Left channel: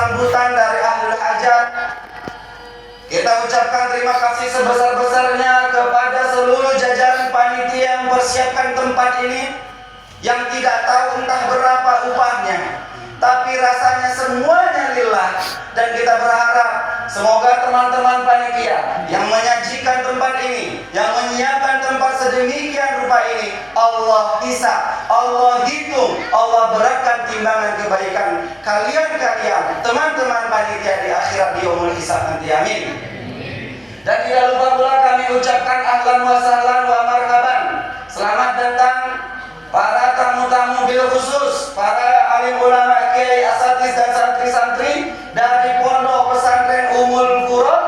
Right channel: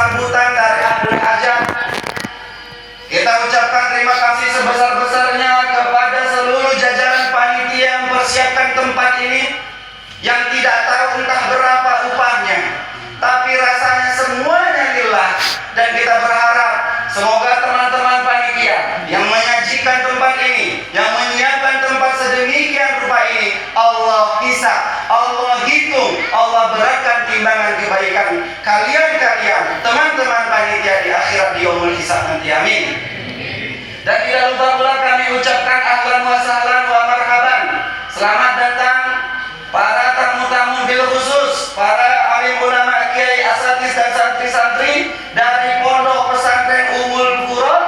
sambutan dari ahli hajat. Kita ucapkan terima kasih sebesar-besarnya kepada seluruh jajaran panitia yang mempersiapkan tempat ini, yang tidak tahu entah berapa upahnya, tapi rasanya semuanya lillah. Dan kita berharap semoga teman-teman panitia yang menyajikan tempat ini, yang menyiapkan tempat sedemikian rupa ini, Allah hisab, Allah hitung, Allah beratkan timbangan kebaikan kalian teman-teman panitia di akhirat di yaumul hisab nanti. Amin. Dan tidak lupa pula kami ucapkan ahlan wa sahlan wa marhaban, selamat datang para tamu-tamu bil khusus, para alim ulama, kiai, asatidz dan santri-santri dari Pondok Pesantren Ummul Qura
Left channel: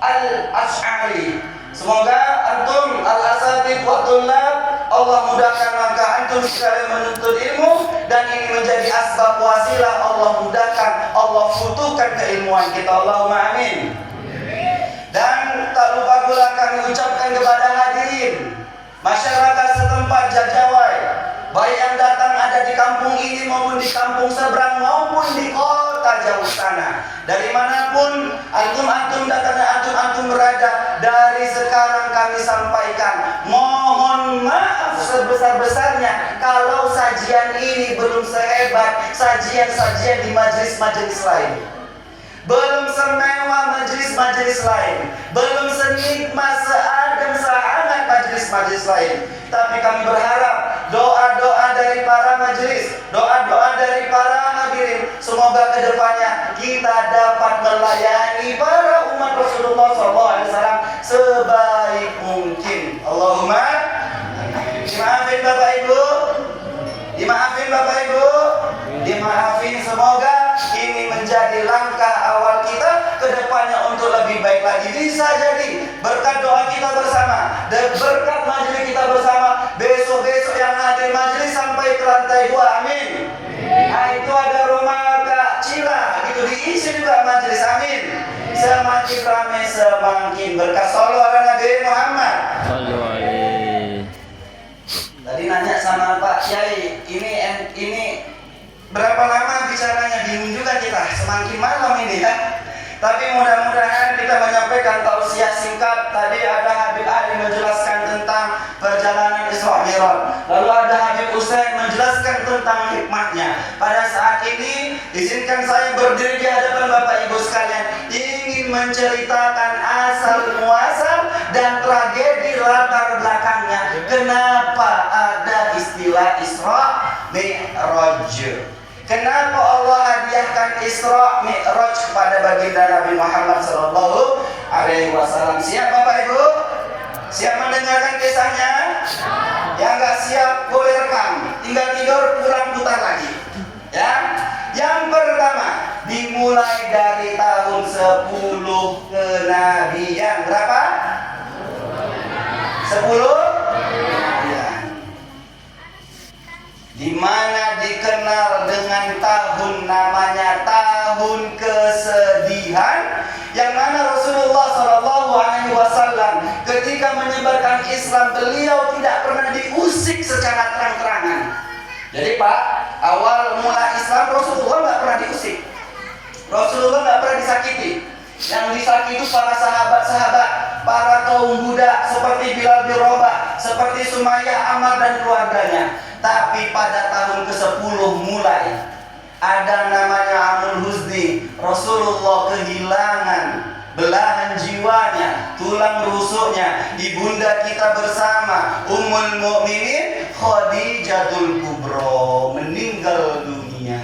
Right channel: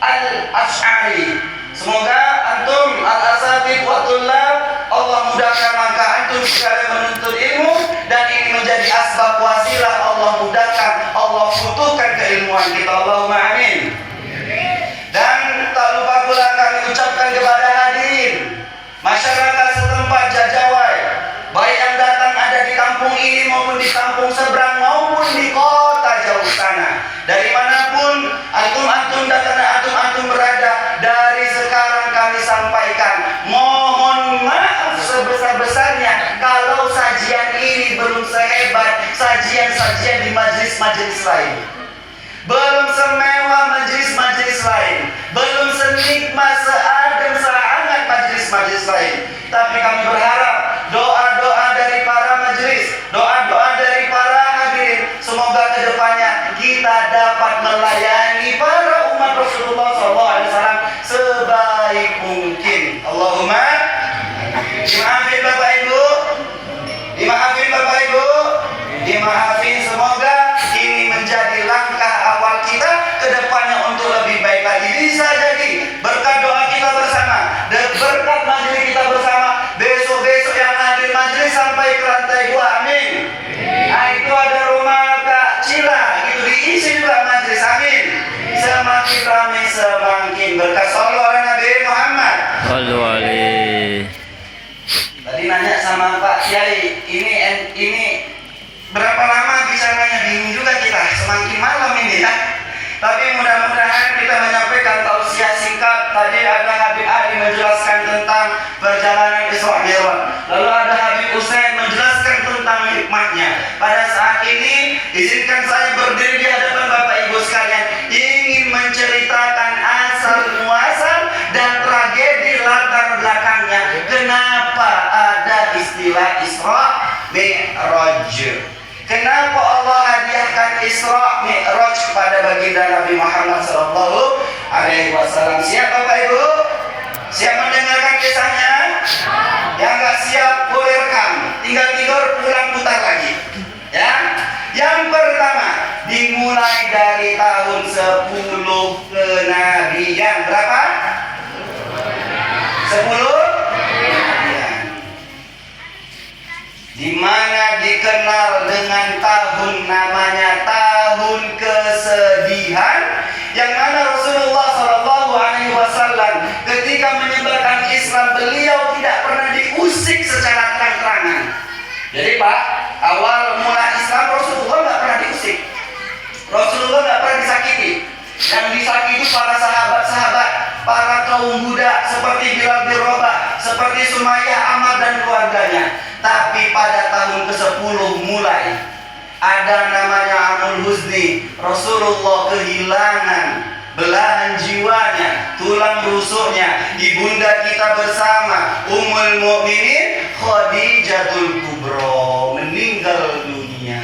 Al-Asy'ari. Semoga antum al-asatidz wa thullab Allah mudahkan langkah antum sekalian menuntut ilmu, dan ini menjadi asbab wasilah Allah mudahkan, Allah butuhkan keilmuan kita. Allahumma amin. Dan tak lupa pula kami ucapkan kepada hadirin masyarakat setempat Jajawai, baik yang datang ada di kampung ini maupun di kampung seberang maupun di kota jauh sana, dari manapun antum datang dan antum berada, dari sekarang kami sampaikan mohon maaf sebesar-besarnya kalau sajian ini belum sehebat sajian-sajian di majelis-majelis lain, belum semewah majelis-majelis lain, belum senikmat seadem sehangat majelis-majelis lain. Tapi kami berharap doa-doa dari para majelis, doa-doa dari para hadirin, semoga kedepannya kita dapat melayani para umat Rasulullah SAW sebaik mungkin. Allahumma dimaafin Bapak Ibu, dimaafin Bapak Ibu, dimaafin. Semoga ini menjadi langkah awal kita ke depannya untuk lebih baik lagi. Bisa jadi berkat doa kita bersama, berkat majelis kita bersama, besok-besok yang hadir majelis sampai ke lantai 2. Amin. Nah, itu ada rumah Kak Cila, itu diisi juga majelis. Amin. Semakin ramai semakin berkah. Shallallahu ala Nabi Muhammad. Sallu alaihi. Tadi nanya sama Pak Kiai, ini berapa lama bicaranya? Bingung juga kita, semakin malam ini ya. Tapi mudah-mudahan kita menyampaikan tausiah singkat. Tadi ada Habib Ali menjelaskan tentang perjalanan Isra Mi'raj, lalu ada Habib Usain menjelaskan tentang hikmahnya. Pada saat ini izinkan saya berdiri di hadapan Bapak Ibu sekalian, ingin menceritakan asal muasal dan tragedi latar belakangnya. Kenapa ada istilah Isra Mi'raj? Kenapa Allah hadiahkan Isra Mi'raj kepada baginda Nabi Muhammad SAW? Siap Bapak Ibu? Siap mendengarkan kisahnya? Yang nggak siap boleh rekam, tinggal tidur pulang putar lagi. Ya. Yang pertama dimulai dari tahun 10 kenabian. Berapa? 10? Di mana dikenal dengan tahun namanya tahun kesedihan, yang mana Rasulullah SAW ketika menyebarkan Islam beliau tidak pernah diusik secara terang-terangan. Jadi Pak, awal mula Islam Rasulullah nggak pernah diusik, Rasulullah nggak pernah disakiti. Yang disakiti para sahabat-sahabat, para kaum budak seperti Bilal bin Rabah, seperti Sumayyah, Ammar dan keluarganya. Tapi pada tahun ke-10 mulai ada namanya Amul Huzni. Rasulullah kehilangan belahan jiwanya, tulang rusuknya, ibunda kita bersama Ummul Mukminin Khadijatul Kubra meninggal dunia.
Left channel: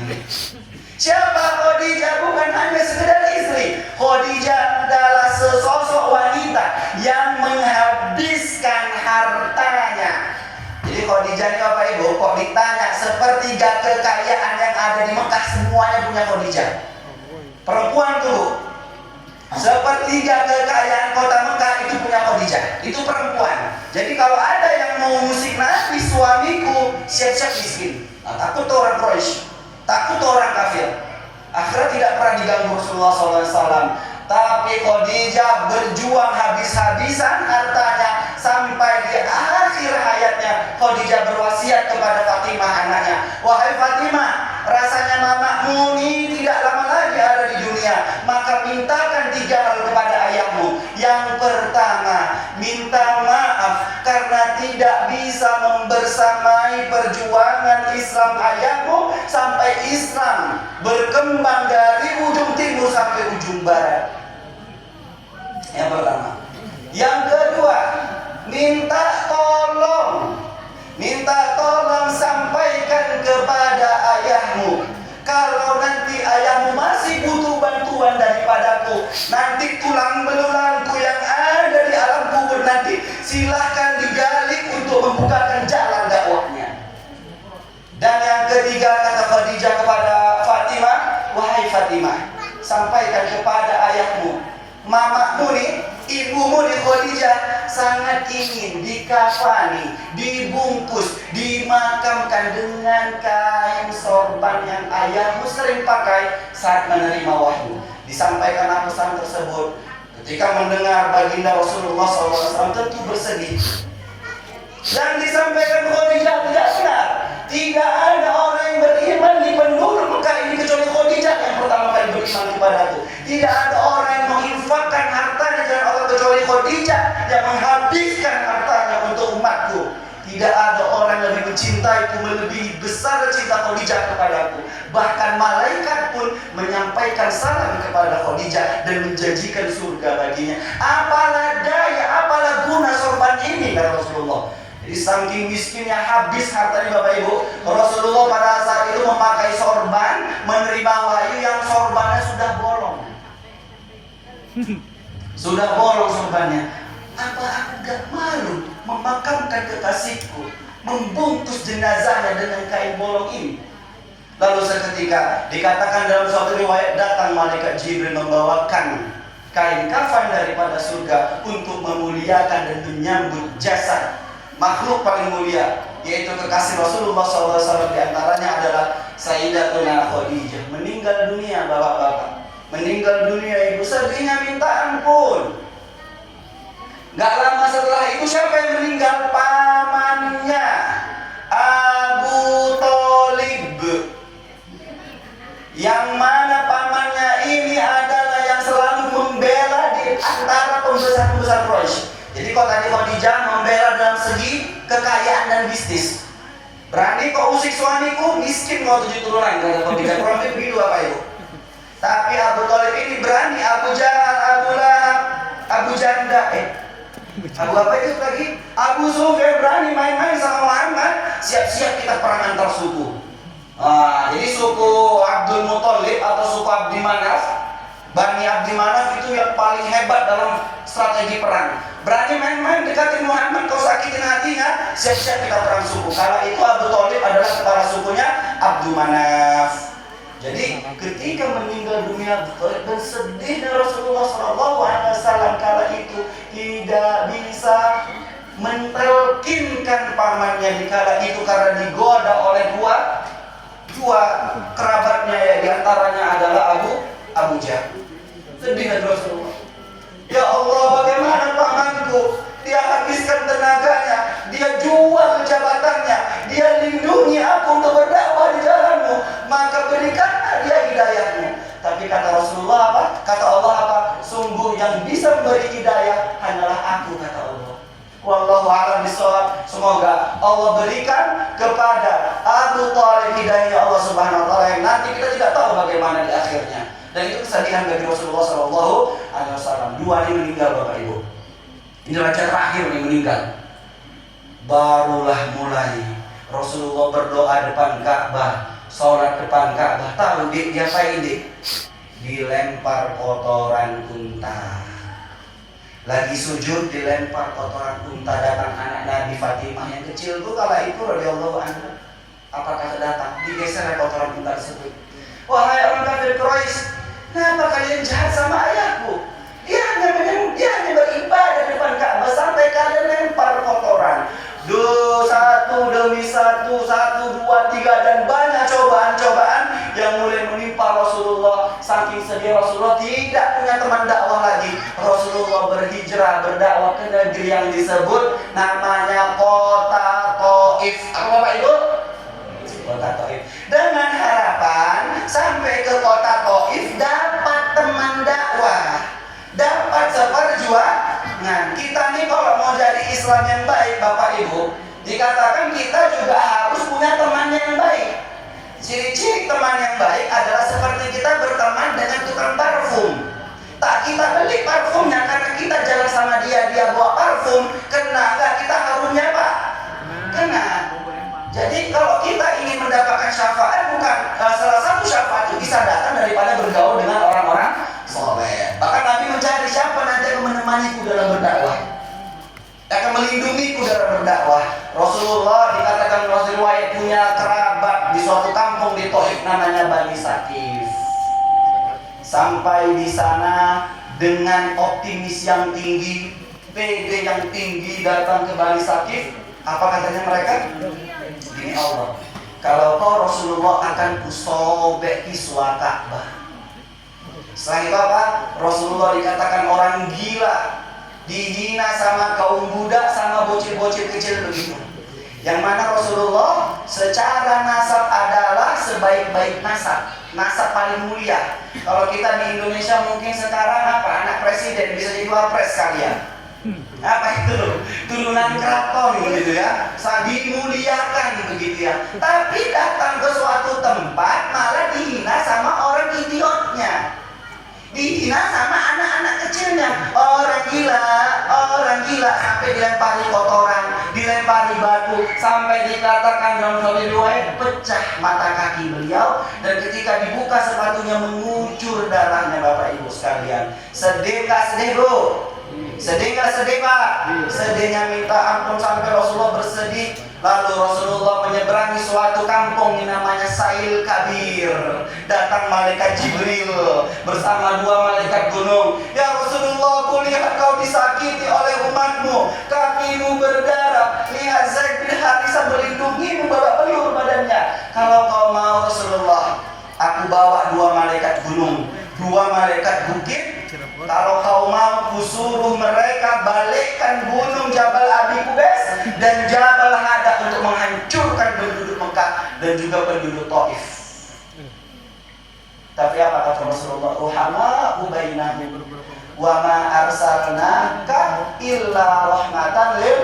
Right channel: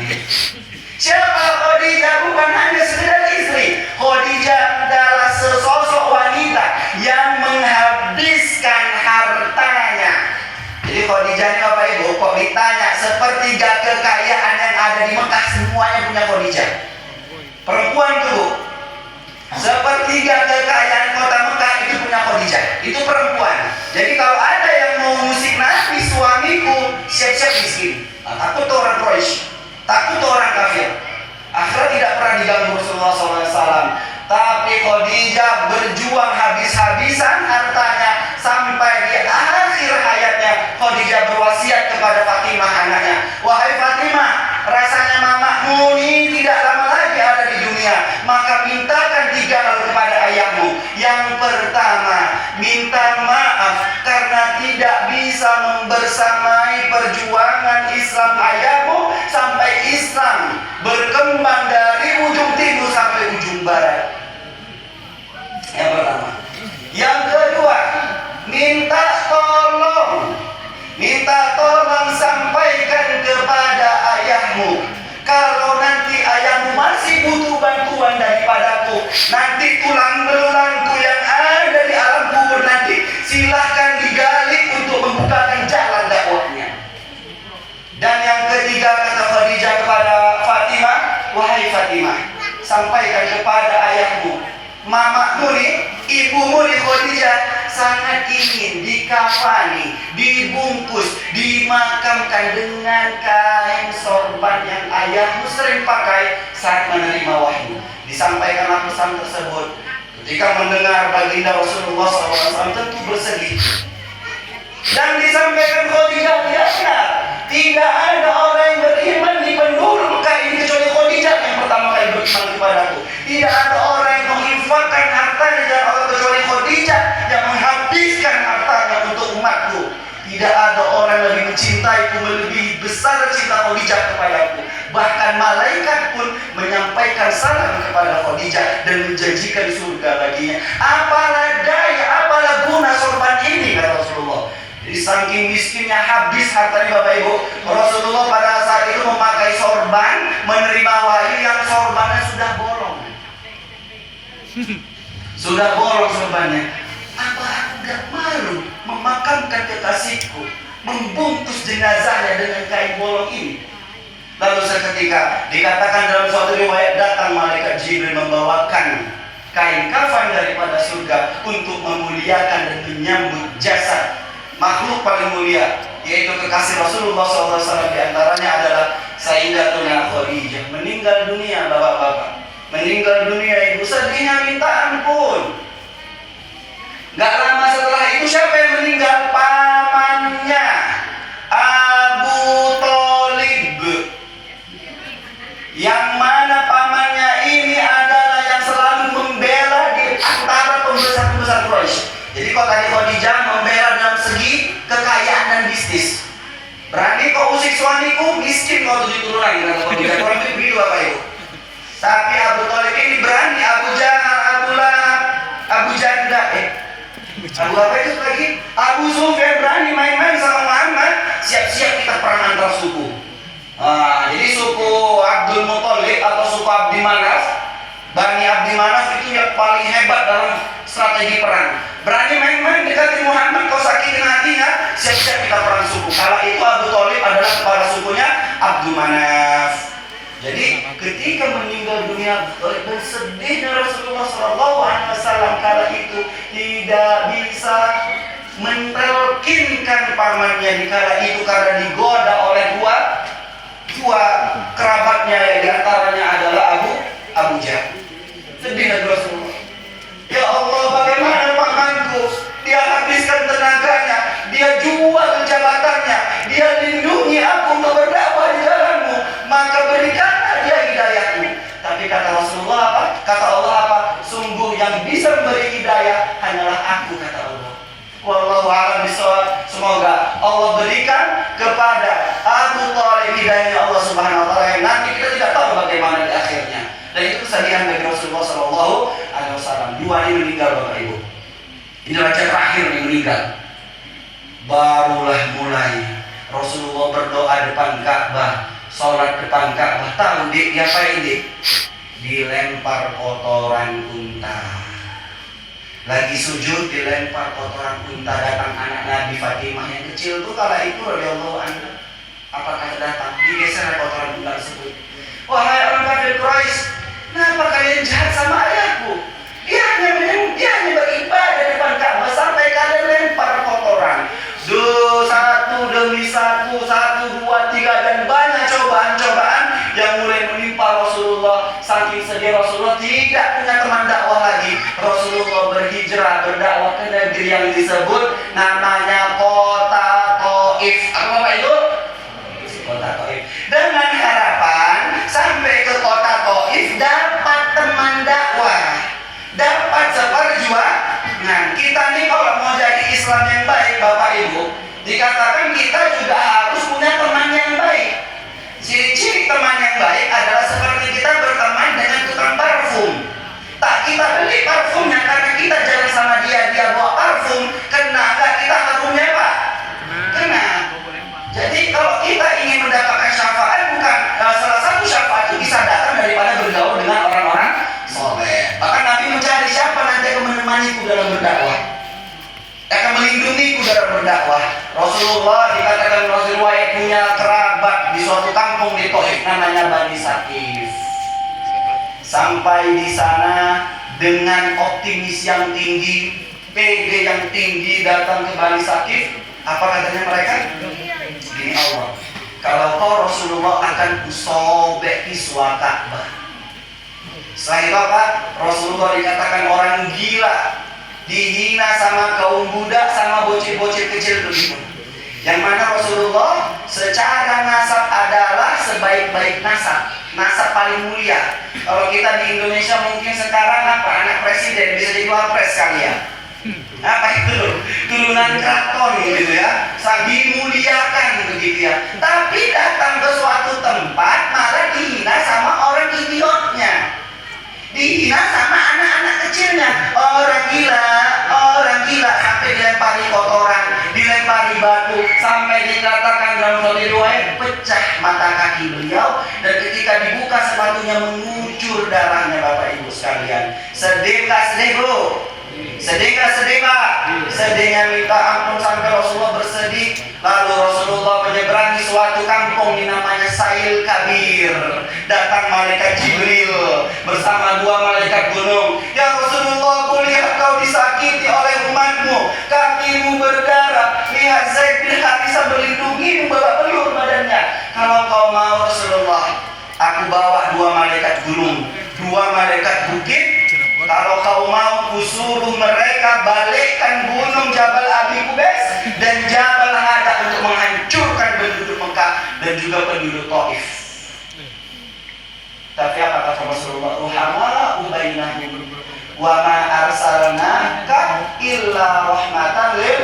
Siapa Khadijah? Bukan hanya sekedar istri. Khadijah adalah sesosok wanita yang menghabiskan hartanya. Jadi Khadijah ini Bapak Ibu, kok ditanya sepertiga kekayaan yang ada di Mekah semuanya punya Khadijah. Perempuan tuh Bu, sepertiga kekayaan kota Mekah itu punya Khadijah. Itu perempuan. Jadi kalau ada yang mau musik Nabi, suamiku siap-siap miskin. Nah, takut tuh orang Quraisy, takut tuh orang kafir. Akhirnya tidak pernah diganggu Rasulullah SAW. Tapi Khadijah berjuang habis-habisan hartanya sampai di akhir hayatnya. Khadijah berwasiat kepada Fatimah anaknya, wahai Fatimah, rasanya mamamu ini tidak lama lagi maka mintakan 3 hal kepada ayahmu. Yang pertama, minta maaf karena tidak bisa membersamai perjuangan Islam ayahmu sampai Islam berkembang dari ujung timur sampai ujung barat. Yang pertama. Yang kedua, minta tolong sampaikan kepada ayahmu. Kalau nanti ayahmu masih butuh bantuan daripadaku, nanti tulang belulangku yang ada di alam kubur nanti silahkan digali untuk membukakan jalan dakwahnya. Dan yang ketiga, kata Khadijah kepada Fatimah, wahai Fatimah, sampaikan kepada ayahmu, mamamu nih, ibumu nih Khadijah sangat ingin dikafani, dibungkus, dimakamkan dengan kain sorban yang ayahmu sering pakai saat menerima wahyu. Disampaikan pesan tersebut. Ketika mendengar baginda Rasulullah SAW tentu bersedih. Dan disampaikan Khadijah, tidak ada orang yang beriman di penduduk Mekah ini kecuali Khadijah yang pertama kali beriman kepadaku. Tidak ada orang yang menginfakkan hartanya dan Allah kecuali Khadijah yang menghabiskan hartanya untuk umatku. Tidak ada orang yang lebih mencintaiku, lebih besar cinta Khadijah kepadaku. Bahkan malaikat pun menyampaikan salam kepada Khadijah dan menjanjikan surga baginya. Apalah daya, apalah guna sorban ini, kata Rasulullah. Jadi saking miskinnya habis hartanya Bapak Ibu, Rasulullah pada saat itu memakai sorban, menerima wahyu yang sorbannya sudah bolong. Sudah bolong sorbannya. Apa aku gak malu memakamkan kekasihku, membungkus jenazahnya dengan kain bolong ini? Lalu seketika dikatakan dalam suatu riwayat, datang malaikat Jibril membawakan kain kafan daripada surga untuk memuliakan dan menyambut jasad makhluk paling mulia, yaitu kekasih Rasulullah SAW. Di antaranya adalah Sayyidatuna Khadijah. Meninggal dunia bapak-bapak, meninggal dunia ibu, sedihnya minta ampun. Gak lama setelah itu siapa yang meninggal? Pamannya Abu Thalib, yang mana pamannya ini adalah yang selalu membela di antara pembesar-pembesar Quraisy. Jadi kalau tadi Khadijah membela dalam segi kekayaan dan bisnis, berani kau usik suamiku, miskin kau 7 turunan, kata Khadijah. Kurang lebih begitu Bapak Ibu. Tapi Abu Thalib ini berani, Abu Jahal, Abu Lahab, Abu Janda, Abu apa itu lagi? Abu Sufyan berani main-main sama Muhammad. Siap-siap kita perang antar suku. Jadi suku Abdul Muthalib atau suku Abdi Manaf, Bani Abdi Manaf itu yang paling hebat dalam strategi perang. Berani main-main dekati Muhammad, kau sakitin hatinya, siap-siap kita perang suku. Kala itu Abu Thalib adalah kepala sukunya Abdul Manaf. Jadi ketika meninggal dunia bersedihnya Rasulullah SAW kala itu tidak bisa mentelkinkan pamannya di kala itu karena digoda oleh dua kerabatnya, ya diantaranya adalah Abu Jahal. Sedih Rasulullah. Ya Allah, bagaimana pamanku? Dia habiskan tenaganya, dia jual jabatannya, dia lindungi aku untuk berdakwah di jalanmu, maka berikanlah dia hidayahmu. Tapi kata Rasulullah apa? Kata Allah apa? Sungguh yang bisa memberi hidayah hanyalah aku, kata Allah. Wallahu a'lam bishawab. Semoga Allah berikan kepada Abu Thalib hidayahnya Allah Subhanahu wa taala yang nanti kita tidak tahu bagaimana di akhirnya. Dan itu kesedihan bagi Rasulullah SAW. 2 ini meninggal Bapak Ibu. Ini raja terakhir yang meninggal. Barulah mulai Rasulullah berdoa depan Ka'bah, sholat depan Ka'bah. Tahu diapain dik? Dilempar kotoran unta. Lagi sujud dilempar kotoran unta. Datang anak Nabi Fatimah yang kecil tuh kala itu radhiyallahu anha. Apa kata datang? Digeser kotoran unta tersebut. Wahai orang kafir Quraisy, kenapa kalian jahat sama ayahku? Dia hanya beribadah depan Ka'bah sampai kalian lempar kotoran. Satu demi satu, 1, 2, 3, dan banyak cobaan-cobaan yang mulai menimpa Rasulullah. Saking sedih Rasulullah tidak punya teman dakwah lagi. Rasulullah berhijrah berdakwah ke negeri yang disebut namanya kota Taif. Apa itu? Kota Taif. Dengan harapan sampai ke kota Taif dapat teman Islam yang baik, Bapak Ibu, dikatakan kita juga harus punya teman yang baik. Ciri-ciri teman yang baik adalah seperti kita berteman dengan tukang parfum. Tak kita beli parfumnya karena kita jalan sama dia bawa parfum, kena nggak kita harumnya Pak? Kena. Jadi kalau kita ingin mendapatkan syafaat, bukan salah satu syafaat itu bisa datang daripada bergaul dengan orang-orang soleh. Bahkan Nabi mencari siapa nanti akan menemaniku dalam berdakwah, akan melindungiku dalam berdakwah. Rasulullah dikatakan Rasulullah punya kerabat di suatu kampung di Taif namanya Bani Sakif. Sampai di sana dengan optimis yang tinggi, PD yang tinggi datang ke Bani Sakif. Apa katanya mereka? Ini Allah, kalau kau Rasulullah akan kusobek kiswa Ka'bah. Setelah itu apa? Rasulullah dikatakan orang gila, dihina sama kaum budak, sama bocil-bocil kecil begitu. Yang mana Rasulullah secara nasab adalah sebaik-baik nasab, nasab paling mulia. Kalau kita di Indonesia mungkin sekarang apa? Anak presiden bisa jadi wapres kalian. Apa itu? Turunan keraton gitu ya, sambil muliakan begitu ya. Tapi datang ke suatu tempat malah dihina sama orang idiotnya, dihina sama anak-anak kecilnya. Orang gila sampai dilempari kotoran, dilempari batu, sampai dikatakan dalam suatu riwayat pecah mata kaki beliau, dan ketika dibuka sepatunya mengucur darahnya. Bapak Ibu sekalian, sedih gak sedih bro? Sedih gak sedih Pak? Sedihnya minta ampun sampai Rasulullah bersedih. Lalu Rasulullah menyeberangi suatu kampung namanya Sail Kabir. Datang malaikat Jibril bersama dua malaikat gunung. Ya Rasulullah, kulihat kau disakiti oleh umatmu, kakimu berdarah, lihat Zaid bin Harisah berlindungi membawa pelur badannya. Kalau kau mau Rasulullah, aku bawa dua malaikat gunung, dua malaikat bukit. Kalau kau mau, kusuruh mereka balikkan gunung Jabal Abi Qubais dan Jabal Hada untuk menghancurkan penduduk Mekah dan juga penduduk Taif. Tapi apa kata Rasulullah? Ruhama'u bainahum wa ma arsalnaka illa rahmatan lil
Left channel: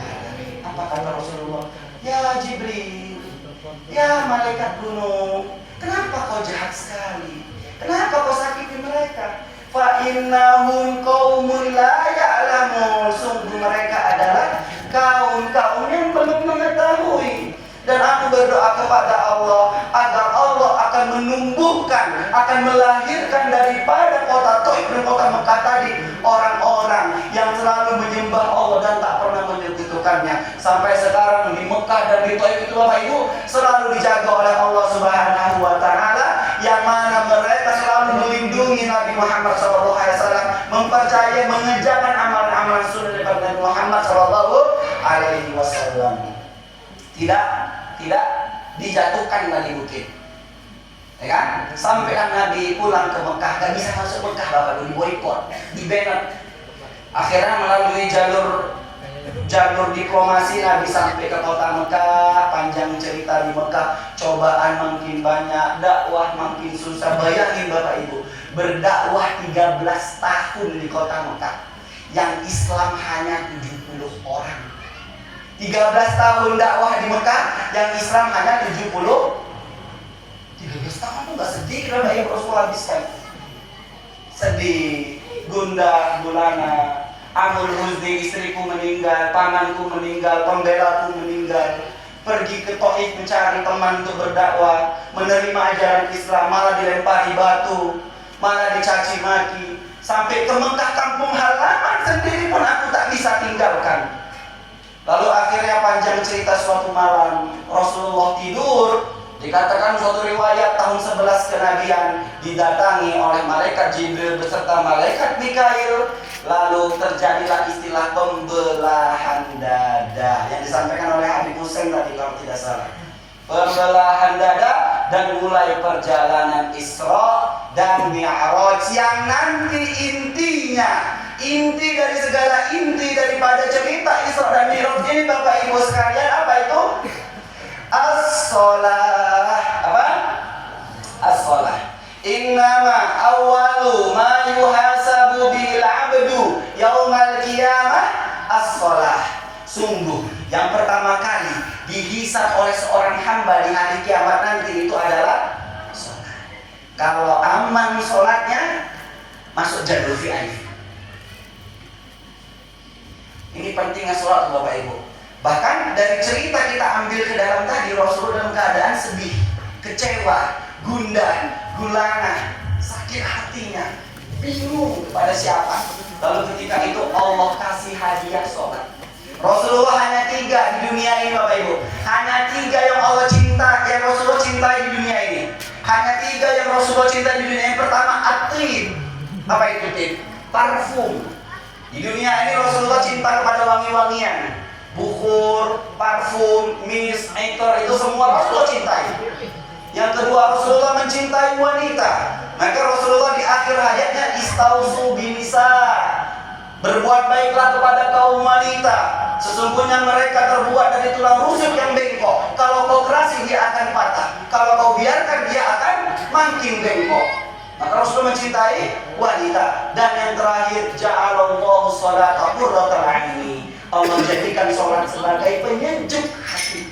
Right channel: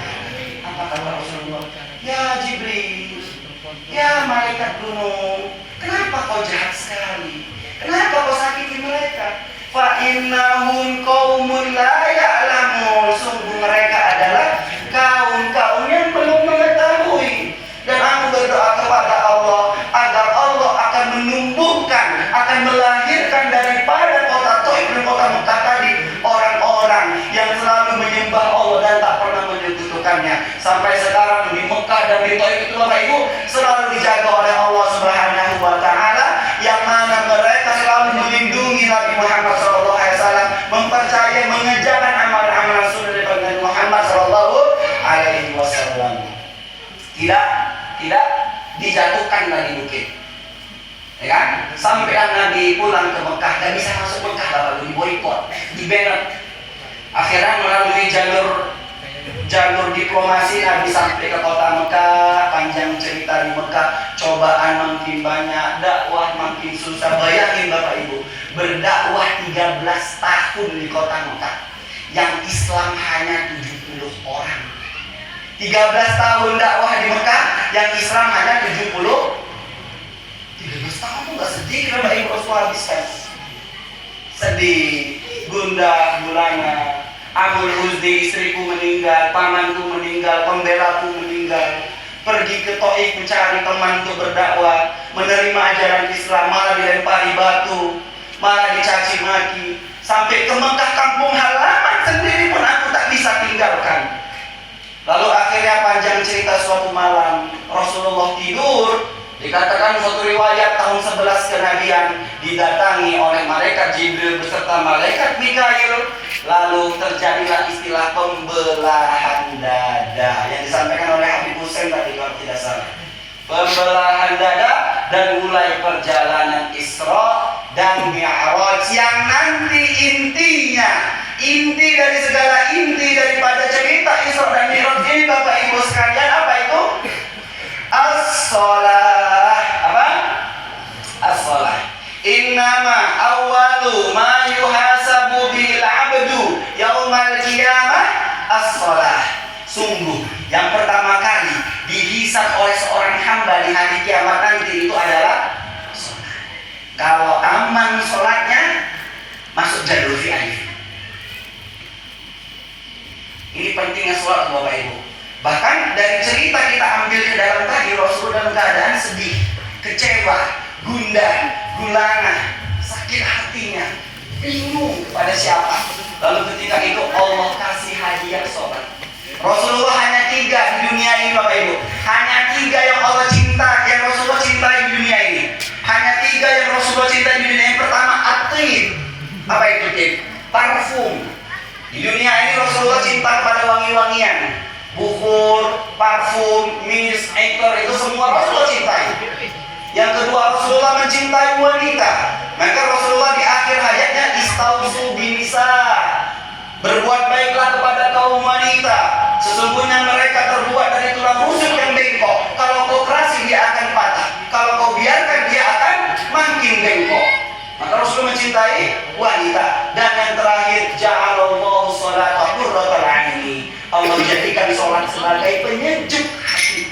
alamin. Apa kata Rasulullah? Ya Jibril, ya malaikat gunung, kenapa kau jahat sekali? Kenapa kau sakiti mereka? Fa innahum qaumun la ya'lamun. Sungguh mereka adalah kaum yang belum mengetahui. Dan aku berdoa kepada Allah agar Allah akan menumbuhkan, akan melahirkan daripada kota Taif dan kota Mekah tadi orang-orang yang selalu menyembah Allah dan tak pernah menyekutukannya. Sampai sekarang di Mekah dan di Taif itu Bapak Ibu selalu dijaga oleh Allah Subhanahu wa taala, yang mana mereka selalu melindungi Nabi Muhammad SAW, mempercayai, mengerjakan amalan-amalan sunnah daripada Nabi Muhammad SAW. Tidak dijatuhkan dari bukit, ya kan? Sampai Nabi pulang ke Mekah, gak bisa masuk Mekah, Bapak, di boykot, di banned. Akhirnya melalui jalur diplomasi Nabi sampai ke kota Mekah. Panjang cerita di Mekah, cobaan makin banyak, dakwah makin susah. Bayangin Bapak Ibu, berdakwah 13 tahun di kota Mekah, yang Islam hanya 70 orang. 13 tahun dakwah di Mekah, yang Islam hanya 70. 13 tahun itu gak sedih Bapak Ibu Rasul habiskan. Sedih, gundah gulana. Amul Huzni, istriku meninggal, pamanku meninggal, pembelaku meninggal. Pergi ke Taif mencari teman untuk berdakwah, menerima ajaran Islam, malah dilempari batu, malah dicaci maki. Sampai ke Mekah, kampung halaman sendiri pun aku tak bisa tinggalkan. Lalu akhirnya panjang cerita, suatu malam Rasulullah tidur. Dikatakan suatu riwayat tahun 11 kenabian didatangi oleh malaikat Jibril beserta malaikat Mikail. Lalu terjadilah istilah pembelahan dada yang disampaikan oleh Habib Hussein tadi kalau tidak salah. Pembelahan dada dan mulai perjalanan Isra dan Mi'raj yang nanti inti dari segala inti daripada cerita Isra dan Mi'raj ini Bapak Ibu sekalian, apa itu? As-shalah. Apa? As-shalah. Innama awwalu ma yuhasabu bil 'abdu yaumal qiyamah as-shalah. Sungguh yang pertama kali dihisab oleh seorang hamba di hari kiamat nanti itu adalah sholat. Kalau aman sholatnya, masuk jalur VIP. Ini pentingnya sholat Bapak Ibu. Bahkan dari cerita kita ambil ke dalam tadi, Rasul dalam keadaan sedih, kecewa, gundah, gulana, sakit hatinya, bingung kepada siapa. Lalu ketika itu Allah kasih hadiah sholat. Rasulullah hanya 3 di dunia ini Bapak Ibu. Hanya 3 yang Allah cinta, yang Rasulullah cintai di dunia ini. Hanya 3 yang Rasulullah cintai di dunia ini. Pertama, at-tib. Apa itu tib? Parfum. Di dunia ini Rasulullah cinta kepada wangi-wangian. Bukur, parfum, misk, ekor, itu semua Rasulullah cintai. Yang kedua, Rasulullah mencintai wanita. Maka Rasulullah di akhir hayatnya istausu binisa. Berbuat baiklah kepada kaum wanita. Sesungguhnya mereka terbuat dari tulang rusuk yang bengkok. Kalau kau kerasi dia akan patah. Kalau kau biarkan dia akan makin bengkok. Maka Rasul mencintai wanita. Dan yang terakhir, ja'alallahu sholata qurrata a'yuni. Allah jadikan sholat sebagai penyejuk hati.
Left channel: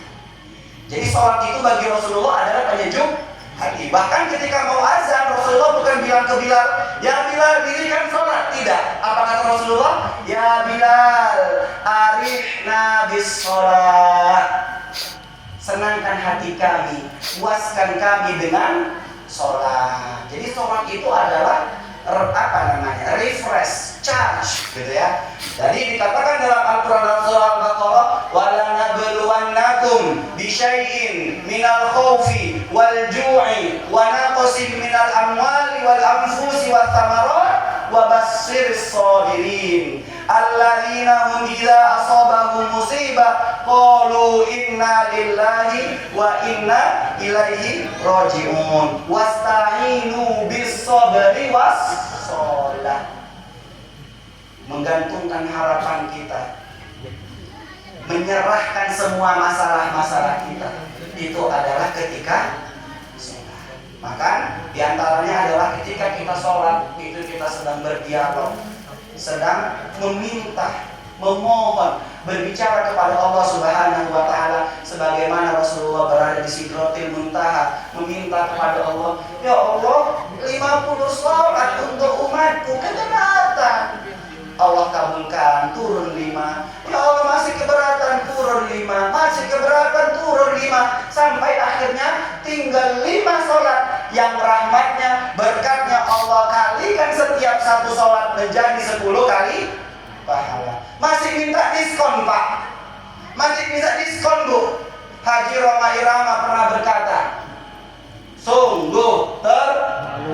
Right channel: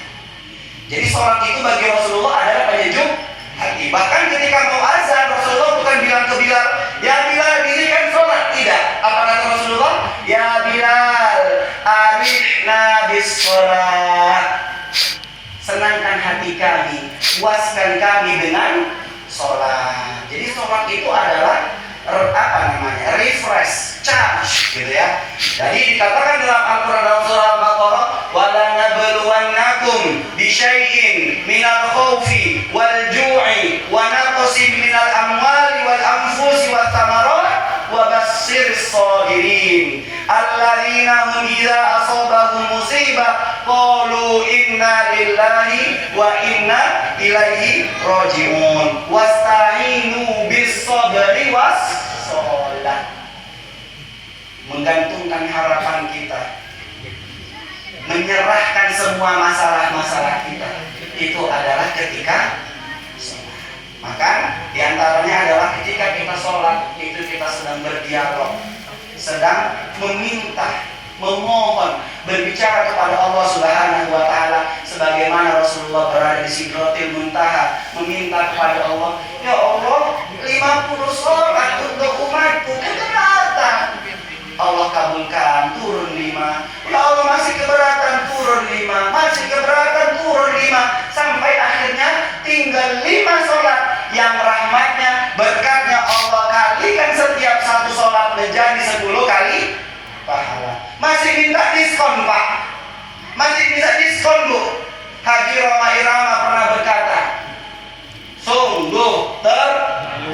Jadi sholat itu bagi Rasulullah adalah penyejuk hati. Bahkan ketika mau azan, Rasulullah bukan bilang ke Bilal, ya Bilal dirikan sholat. Tidak. Apa kata Rasulullah? Ya Bilal, arihna bis sholat. Senangkan hati kami, puaskan kami dengan sholat. Jadi sholat itu adalah refresh, charge, gitu ya. Jadi dikatakan dalam Al-Quran dalam surah Al-Baqarah, wala nabluwannakum bisyai'in minal khawfi wal ju'i wa naqsin minal amwali wal anfusi wat thamarat wa bassiris sabirin alladzina hum idza asabahum musibah qalu inna lillahi wa inna ilaihi raji'un wasta'inu bis sabri was sholat. Menggantungkan harapan kita, menyerahkan semua masalah-masalah kita, itu adalah ketika sholat. Maka diantaranya adalah ketika kita sholat, itu kita sedang berdialog, sedang meminta, memohon, berbicara kepada Allah Subhanahu wa Ta'ala, sebagaimana Rasulullah berada di Sidratil Muntaha, meminta kepada Allah, ya Allah, 50 sholat untuk umatku keberatan. Allah kabulkan, turun 5. Ya Allah, masih keberatan, turun 5. Masih keberatan, turun 5. Sampai akhirnya tinggal 5 sholat yang rahmatnya, berkatnya Allah kalikan setiap satu sholat menjadi 10 kali pahala. Masih minta diskon Pak, masih minta diskon Bu. Haji Roma Irama pernah berkata, sungguh terlalu.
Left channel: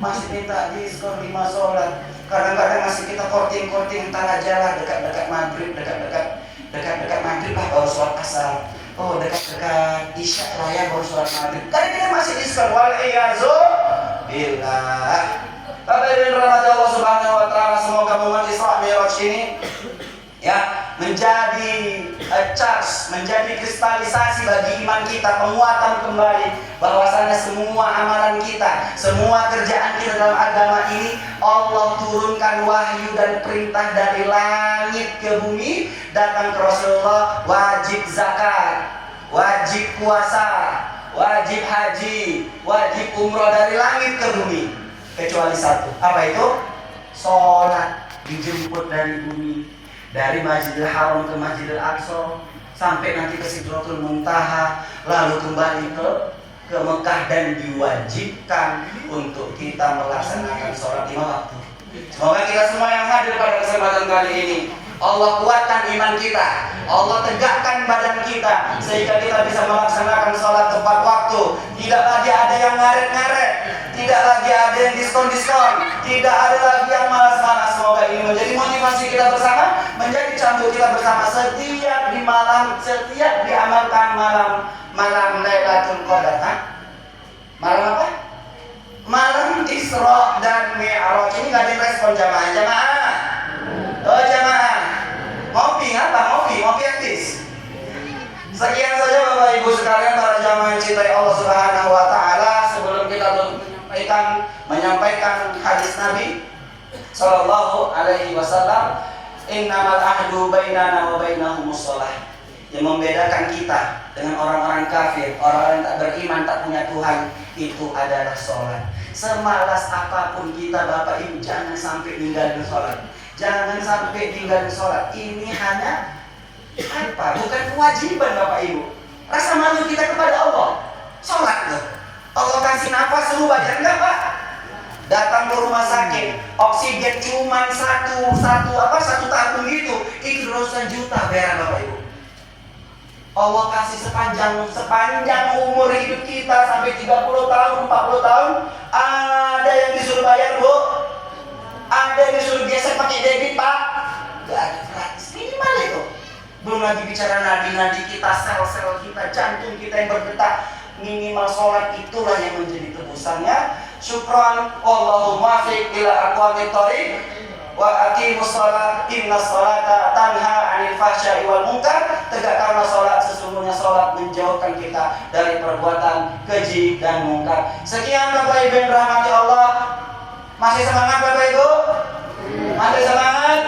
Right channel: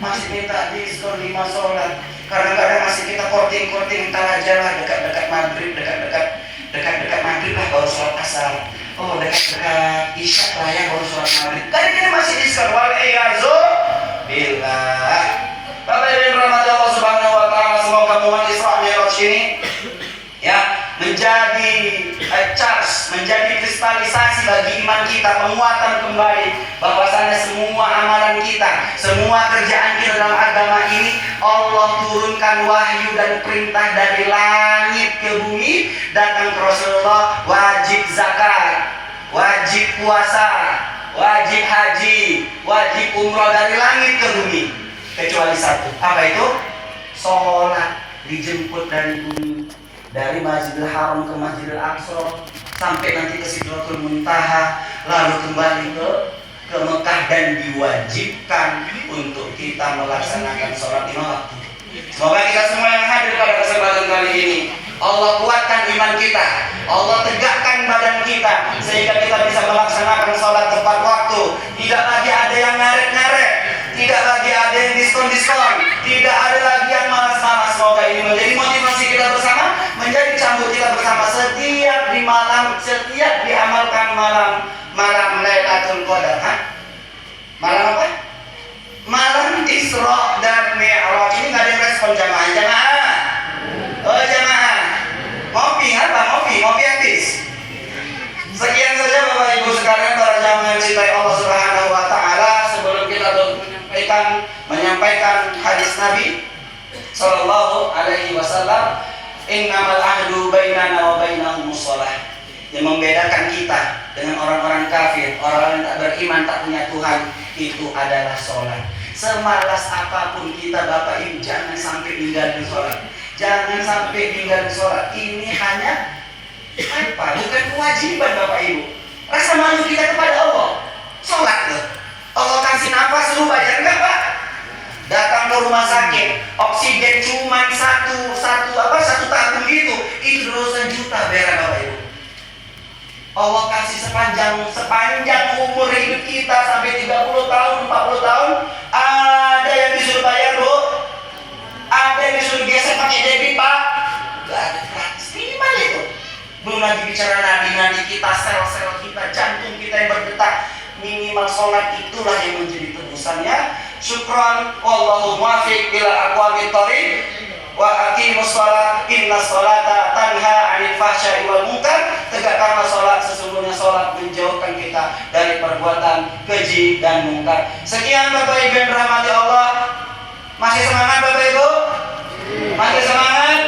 Masih minta diskon 5 sholat. Kadang-kadang masih kita korting-korting entar aja lah, dekat-dekat maghrib, dekat-dekat maghrib lah baru sholat asar. Oh, dekat-dekat isya lah ya baru sholat maghrib. Kadang kita masih diskon. Wal-iyazu billah. Bapak Ibu yang dirahmati Allah Subhanahu wa Ta'ala, semoga momen Isra Mi'raj ini ya menjadi charge, menjadi kristalisasi bagi iman kita, penguatan kembali bahwasanya semua amalan kita, semua kerjaan kita dalam agama ini Allah turunkan wahyu dan perintah dari langit ke bumi, datang ke Rasulullah, wajib zakat, wajib puasa, wajib haji, wajib umroh dari langit ke bumi. Kecuali satu, apa itu? Sholat dijemput dari bumi, dari Masjidil Haram ke Masjidil Aqsa, sampai nanti ke Sidratul Muntaha, lalu kembali ke Mekah dan diwajibkan untuk kita melaksanakan sholat 5 waktu. Semoga kita semua yang hadir pada kesempatan kali ini Allah kuatkan iman kita, Allah tegakkan badan kita sehingga kita bisa melaksanakan sholat tepat waktu. Tidak lagi ada yang ngaret-ngaret, tidak lagi ada yang diskon-diskon, tidak ada lagi yang malas-malas. Semoga ini menjadi motivasi kita bersama, menjadi cambuk kita bersama setiap di malam, setiap diamalkan malam Lailatul Qadar. Malam apa? Malam Isra dan Mi'raj. Ini nggak ada yang respon jamaah. Oh jamaah, ngopi apa? Ngopi habis. Sekian saja Bapak Ibu sekalian, para jamaah yang cintai Allah Subhanahu wa Ta'ala. Sebelum kita menyampaikan hadis Nabi Sallallahu Alaihi Wasallam, Innamal ahdu bainana wa bainahumus shalah. Yang membedakan kita dengan orang-orang kafir, orang yang tak beriman, tak punya Tuhan, itu adalah sholat. Semalas apapun kita Bapak Ibu, jangan sampai tinggalin sholat. Jangan sampai tinggalin sholat. Ini hanya apa? Bukan kewajiban Bapak Ibu. Rasa malu kita kepada Allah. Sholat tuh. Allah kasih nafas, lu bayar enggak Pak? Datang ke rumah sakit, oksigen cuma satu tabung gitu, itu dosa juta bayar Bapak Ibu. Allah kasih sepanjang umur hidup kita sampai 30 tahun, 40 tahun, ada yang disuruh bayar Bu, ada yang disuruh gesek pakai debit Pak, gak ada, gratis, minimal itu. Belum lagi bicara nadi-nadi kita, sel-sel kita, jantung kita yang berdetak. Minimal sholat itulah yang menjadi tebusannya. Syukran, wallahu muwaffiq ila aqwamit thoriq. Wa aqimus shalah, inna sholata tanha 'anil fahsya'i wal munkar. Tegakkanlah sholat, sesungguhnya sholat menjauhkan kita dari perbuatan keji dan mungkar. Sekian Bapak Ibu yang dirahmati Allah. Masih semangat Bapak Ibu? Masih semangat?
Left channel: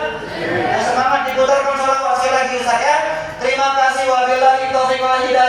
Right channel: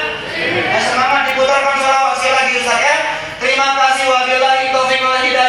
Masih semangat, diputarkan sholawat sekali lagi Ustaz ya. Terima kasih, wabillahi taufiq wal hidayah.